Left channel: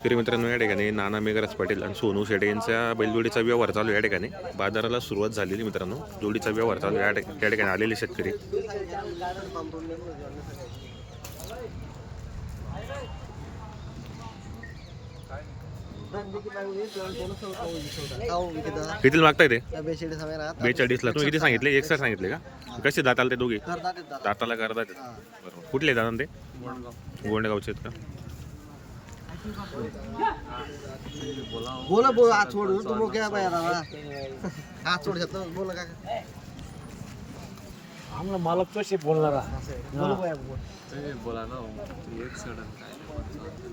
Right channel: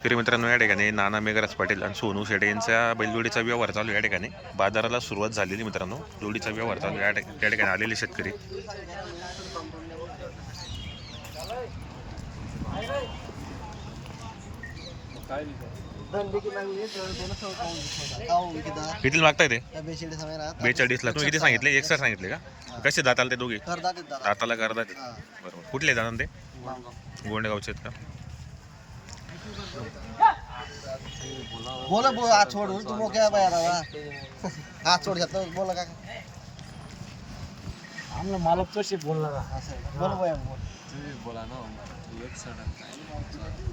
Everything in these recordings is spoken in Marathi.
तरी मित्रांनो या ठिकाणी नाना मेघराज पाटील आणि सोनू शेडे यांच्या बैलजोडीचा व्यवहार चालू या ठिकाणी. बाजाराला सुरुवात झालेली मित्रांनो जोडीचा व्यवहार चालू या ठिकाणी आलेले शेतकरी. किती मागताय ते? बेचाळीसला. तुम्ही किती सांगितले? एक सर सांगितले का? कसे दाताला ते दोघे? दाताला करतात बरोबर. कुठले जाणार ते? गोंडेगावचे आहेत का? बोला बोल हात सोड तू मग काय बाया बाबा हात सोड घेतलं बोला का आम्हाला मालक कसे बोलणार असं आहे का? बोला बाया बोल. बोला ना एक सडन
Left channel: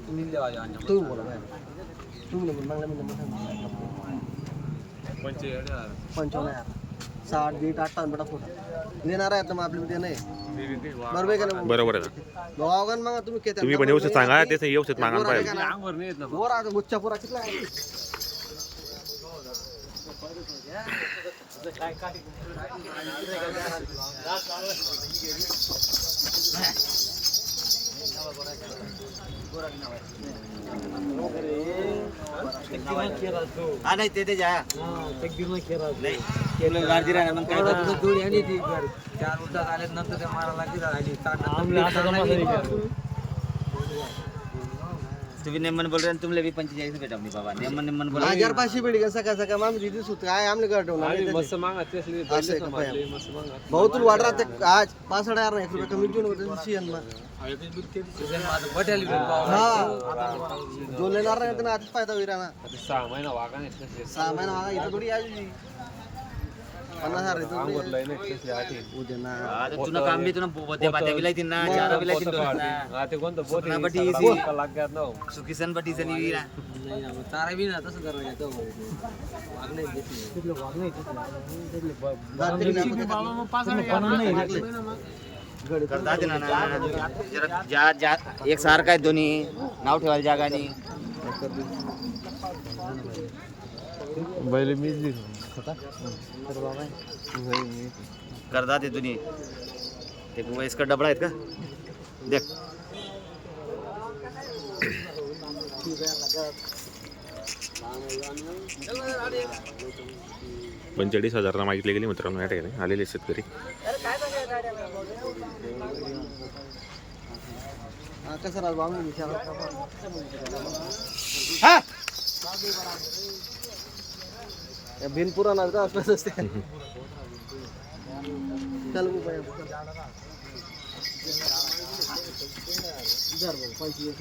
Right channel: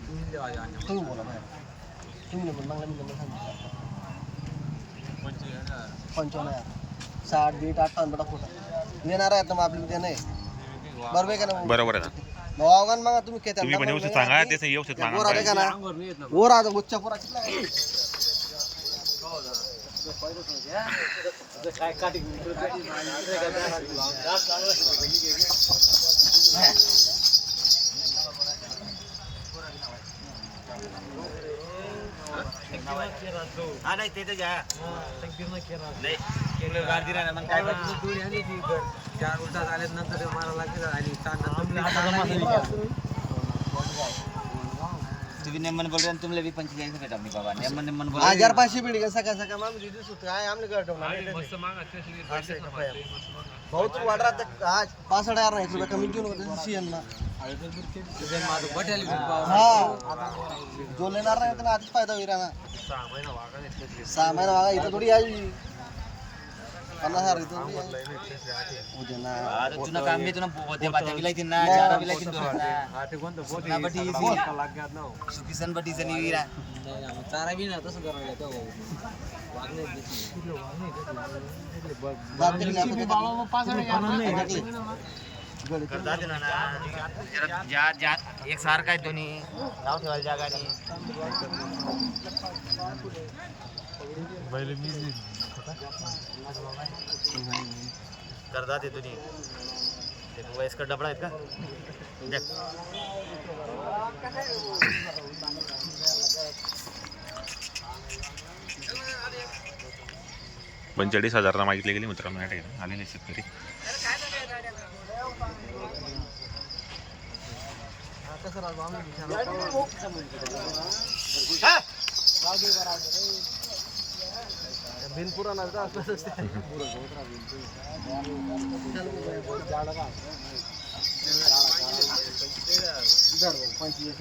तुम्ही बोला बाया तुम्ही नंबर मागला मी नंबर सांगितला पंचावन्न यार साठ दीड अठ्ठावन्न बेटा फोटा येणार आहे आता मग आपली उद्या नाही? बरोबर आहे का नाही. बरोबर आहे ना. भावागण मग तुम्ही केत्या तुम्ही पण व्यवस्थित सांगा ते व्यवस्थित मागा पाहिजे? वर आता गुच्छा पुरा कितला आहे? तुम्ही नेमन बोल रहे हैं तुमले भी पंचेचाळीस भेटा अपनी बाबा. नेमन नेमन बोल हजार पाचशे बेडी का? सकाळ सकाळ आम्ही तिथे सुट काय आमले कर ठेवणार भाऊ तू वाढ राहते आज पाच हजार नाही रुपये कमी देऊ नको सीएन ना हा. जो लेणार नाही त्यांना आधीच फायदा होईल ना सहा महिना वागा इथं थोडी यायची पन्नास हजार यायची. उद्या ना आता तुला काम बी तुला बोते बाते बिलाई तीन ना जारा बिलाई तीन सुना बटी सुकिसन बटी सनी वीरा. चारा बी ना तसं करा येतो. जाते की एक सारखा आहे दोन्ही नाव ठेवायला जागा बैले करतात ते दोन्ही ते वयस्कर डबडा आहेत का देख पंचेचाळीस हजारला मागितले गेले मित्रांनो या ठिकाणी. आलेले शेतकरी कसं राहतो आम्ही विचारलं. या बिन पुराण आलं तर असलंच असते चल गो बाया, चल. धर भाऊ, का असलं पंचवीस.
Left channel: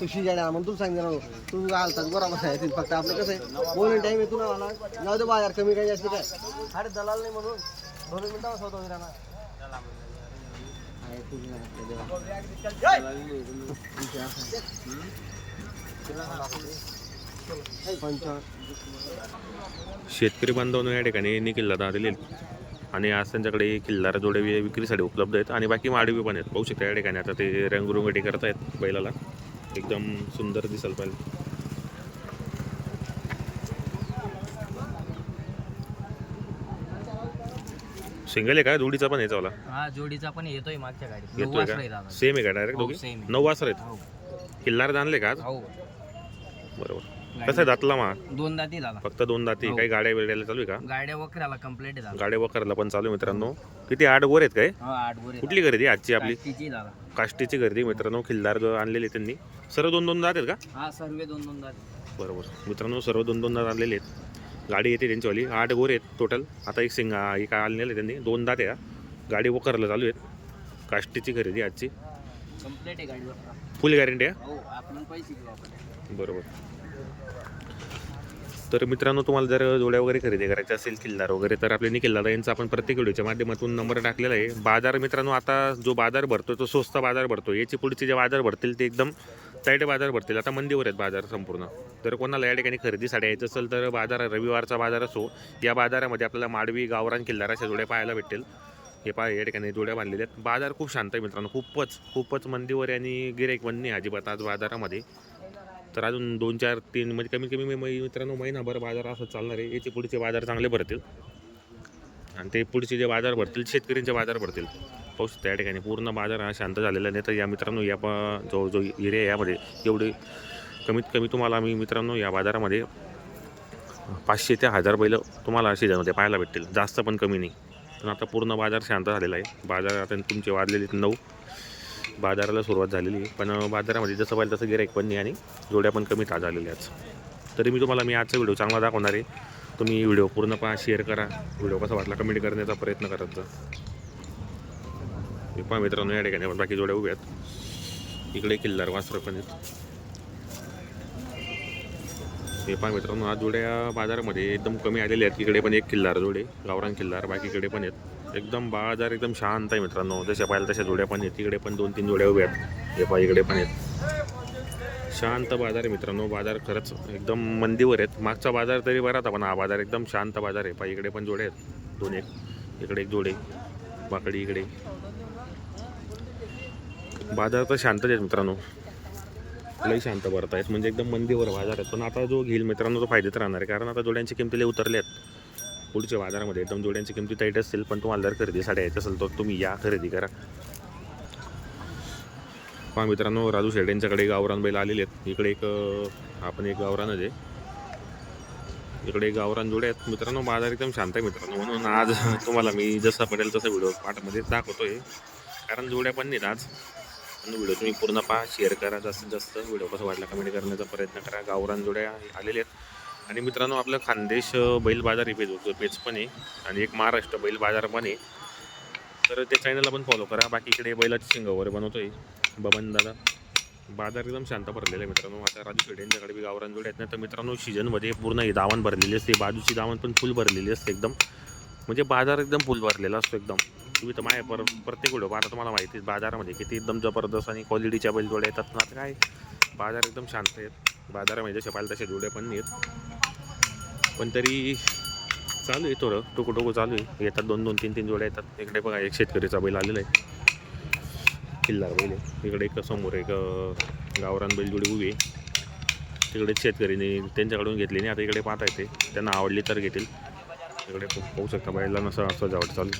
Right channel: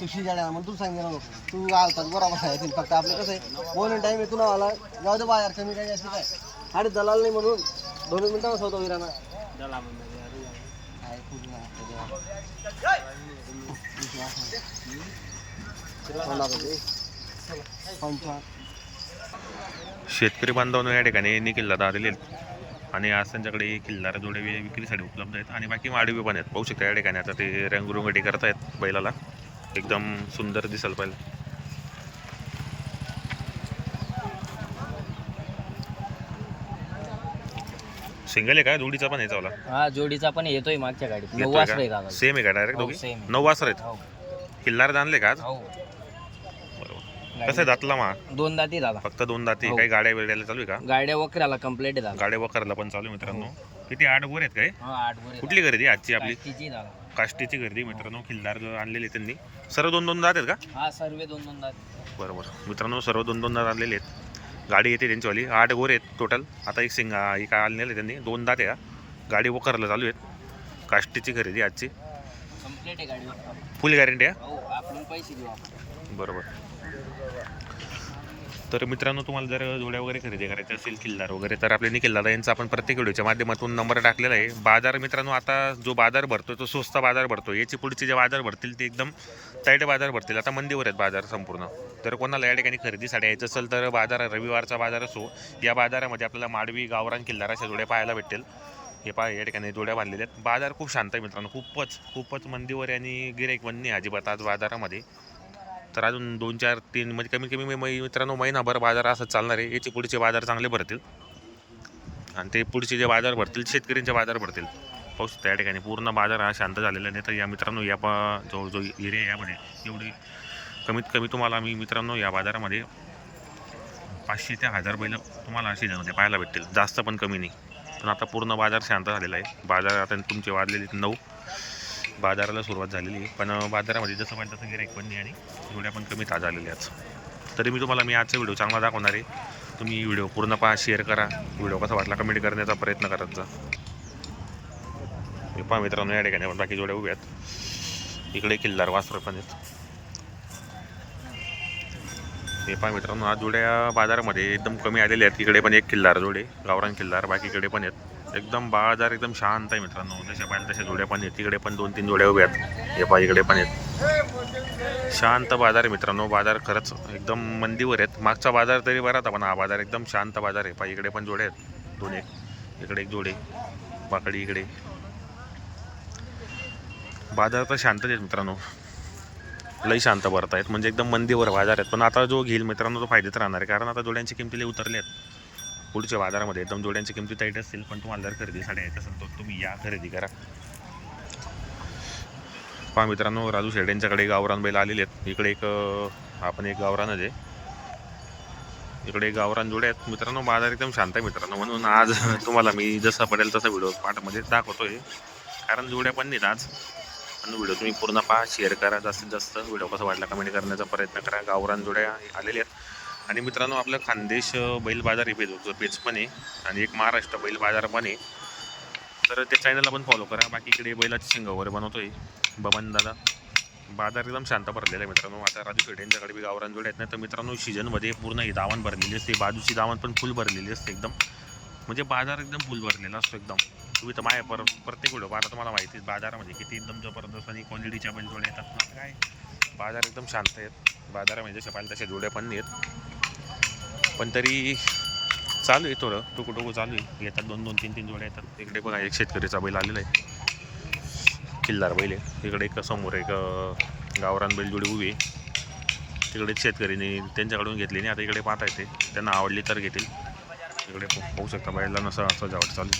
तू शिजाड्या म्हणून तू सांगितलं ना तू आलता बरोबर आहे फक्त आपलं कसं आहे बोलून टाइम आहे तुला आला जाऊ दे बाजार कमी काय जास्त काय अरे दलाल नाही म्हणून दोन मिनिटं बसवतो विराना आहे पूर्ण शेतकरी बांधवांना या ठिकाणी यांनी किल्ला आलेले आहेत आणि आज त्यांच्याकडे किल्लार जोडे विक्रीसाठी उपलब्ध आहेत. आणि बाकी माडवी पण आहेत. पाहू शकता या ठिकाणी आता ते रंगरुंगटी करतायत बैलाला. एकदम सुंदर दिसायला पाहिजे. सिंगल आहे का? जोडीचा पण हा जोडीचा पण येतोय मागच्या गाडीत. येतोय का? सेम आहे का? डायरेक्ट हो, दोघी? same आहे. नऊ वासर आहेत? हो. किल्लार जाणले का आज? हो. बरोबर. कसं आहे दातला मा? दोन दाती दादा. फक्त दोन दाती. हो. काही गाड्या वेड्याला चालू आहे का? गाड्या वकऱ्याला कंप्लीट आहे दादा. गाड्या वखरला पण चालू आहे मित्रांनो. किती? आठ गोर आहेत काय? हा आठ वर कुठली खरेदी? आजची आपली? दादा. काष्टीची गर्दी मित्रांनो. खिल्लार जो आणलेली त्यांनी. सर्व दोन दोन दात आहेत का? हा सर्व दोन दोन दाती बरोबर. मित्रांनो सर्व दोन दोन दात आणलेले आहेत. गाडी येते त्यांचीवाली आठ गोर आहेत टोटल आता एक सिंग एक आणलेले त्यांनी. दोन दात हा. गाडी वखरला चालू आहेत. काष्टीची खरेदी आजची. कंप्लीट आहे गाडी फुल गॅरंटी आहे? हो आपण पैसे देऊ आपण. बरोबर. तर मित्रांनो तुम्हाला जर जोड्या वगैरे खरेदी करायच्या असेल किल्लार वगैरे तर आपल्या निखिल यांचा आपण प्रत्येक व्हिडिओच्या माध्यमातून नंबर टाकलेला आहे. बाजार मित्रांनो आता जो बाजार भरतो तो स्वस्त बाजार भरतो. याची पुढचे जे बाजार भरतील ते एकदम टाईट बाजार भरतील. आता मंदीवर आहेत बाजार संपूर्ण. तर कोणाला या ठिकाणी खरेदीसाठी यायचं असेल तर बाजार रविवारचा बाजार असो या बाजारामध्ये आपल्याला माडवी गावरान किल्लार अशा जोड्या पाहायला भेटेल हे पहा या ठिकाणी जोड्या बांधलेल्या आहेत. बाजार खूप शांत आहे मित्रांनो. खूपच खूपच मंदीवर आहे आणि गिरेक बंद अजिबात आज बाजारामध्ये. तर अजून दोन चार तीन म्हणजे कमीत कमी मै- मित्रांनो महिनाभर बाजार असं चालणार आहे. याचे पुढचे बाजार चांगले भरतील. आणि ते पुढचे जे बाजार भरतील शेतकऱ्यांचे बाजार भरतील. पाऊस त्या ठिकाणी पूर्ण बाजार हा शांत झालेला नाही. तर या मित्रांनो या पा जो जो एरिया यामध्ये एवढे कमीत कमी तुम्हाला मी मित्रांनो या बाजारामध्ये पाचशे ते हजार बैल तुम्हाला सीझनमध्ये पाहायला भेटतील. जास्त पण कमी नाही. पण आता पूर्ण बाजार शांत झालेला आहे. बाजार आता तुमचे वाजलेले नऊ. बाजाराला सुरुवात झालेली आहे. पण बाजारामध्ये जसं पाहिजे तसं गिराईक पण नाही आणि जोड्या पण कमी ताज आलेल्या आहेत. तरी मी तुम्हाला मी आजचा व्हिडिओ चांगला दाखवणार आहे. तुम्ही व्हिडिओ पूर्ण पहा शेअर करा. व्हिडिओ कसा वाटला कमेंट करण्याचा प्रयत्न करत जा. मी पहा मित्रांनो या ठिकाणी पण बाकी जोड्या उभ्या आहेत इकडे किल्लार वासर पण आहेत. हे पहा मित्रांनो आज जोड्या बाजारामध्ये एकदम कमी आलेल्या आहेत. इकडे पण एक किल्लार जोडे गावरान किल्लार बाकीकडे पण आहेत. एकदम बाजार एकदम शांत आहे मित्रांनो. जसे पाहिलं तशा जोड्या पण आहेत. तिकडे पण दोन तीन जोड्या उभ्या आहेत. हे पहा इकडे पण आहेत. शांत बाजार आहे मित्रांनो. बाजार खरंच एकदम मंदीवर आहेत. मागचा बाजार तरी बरा होता पण हा बाजार एकदम शांत बाजार आहे. पहा इकडे पण जोडे आहेत. दोन एक इकडे एक जोडे बाकडी इकडे. बाजार तर शांतच आहेत मित्रांनो. लई शांत भरत आहेत म्हणजे एकदम मंदीवर बाजार आहेत. पण आता जो घेईल मित्रांनो तो फायदेत राहणार आहे. कारण आता जोड्यांची किमती उतरले आहेत. पुढच्या बाजारामध्ये एकदम जोड्यांची किमती टाईट असतील पण तुम्हाला जर खरेदीसाठी यायचं असेल तर तुम्ही या खरेदी करा. पहा मित्रांनो राजू शेड यांच्याकडे गावरान बैल आलेले आहेत. इकडे एक आपण एक गावरानच आहे. इकडे गावरान जोडे आहेत. मित्रांनो बाजार एकदम शांत आहे मित्रांनो. म्हणून आज तुम्हाला मी जसा पडेल तसा व्हिडिओ पाठमध्ये दाखवतोय. कारण जोड्या पण नाहीत आज. आणि व्हिडिओ तुम्ही पूर्ण पहा शेअर करा. जास्तीत जास्त व्हिडिओ कसा वाटला कमेंट करण्याचा प्रयत्न करा. गावरान जोड्या आलेल्या आहेत. आणि मित्रांनो आपलं खानदेश बैल बाजार हे पेज पेज पण आहे आणि एक महाराष्ट्र बैल बाजार पण आहे. तर त्या चॅनलला पण फॉलो करा. बाकी इकडे बैलाची शिंग वगैरे आहे बबन दादा. बाजार एकदम शांत भरलेला आहे मित्रांनो. आता राजू शेड यांच्याकडे बी गावरान जोड्या आहेत तर मित्रांनो सीजनमध्ये पूर्ण ही दावण भरलेली असते. बाजूची दावण पण फुल भरलेली असते एकदम. म्हणजे बाजार एकदम फुल भरलेला असतो एकदम. तुम्ही तर माय पर प्रत्येक व्हिडिओ पाहता तुम्हाला माहिती आहे बाजारामध्ये किती एकदम जबरदस्त आणि क्वालिटीच्या बैल जोड्या येतात ना. काय? बाजार एकदम शांत आहेत. बाजारामध्ये जसे पाहिजे तसे जोड्या पण नाही आहेत. पण तरी चालू आहे थोडं टोकू टोकू चालू आहे. येतात दोन दोन तीन तीन जोड्या येतात. इकडे बघा एक शेतकरीचा बैल आलेला आहे. किल्लार बैल आहे. इकडे एक समोर एक गावरान बैल जोडी उभी आहे. तिकडे शेतकरीने त्यांच्याकडून घेतली नाही. आता इकडे पाहता येते त्यांना आवडली तर घेतील. इकडे पाहू शकता बैलांना नसं सजावट चालू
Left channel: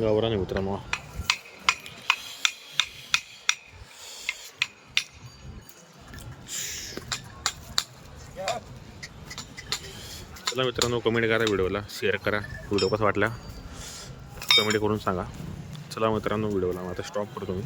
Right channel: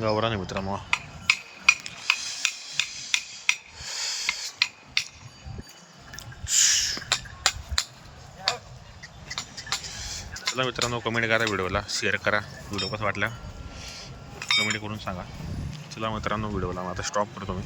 गावरान आहे मित्रांनो चला मित्रांनो कमेंट करा व्हिडिओला शेअर करा व्हिडिओ कसा वाटला कमेंट करून सांगा. चला मित्रांनो व्हिडिओला आता स्टॉप करतो मी.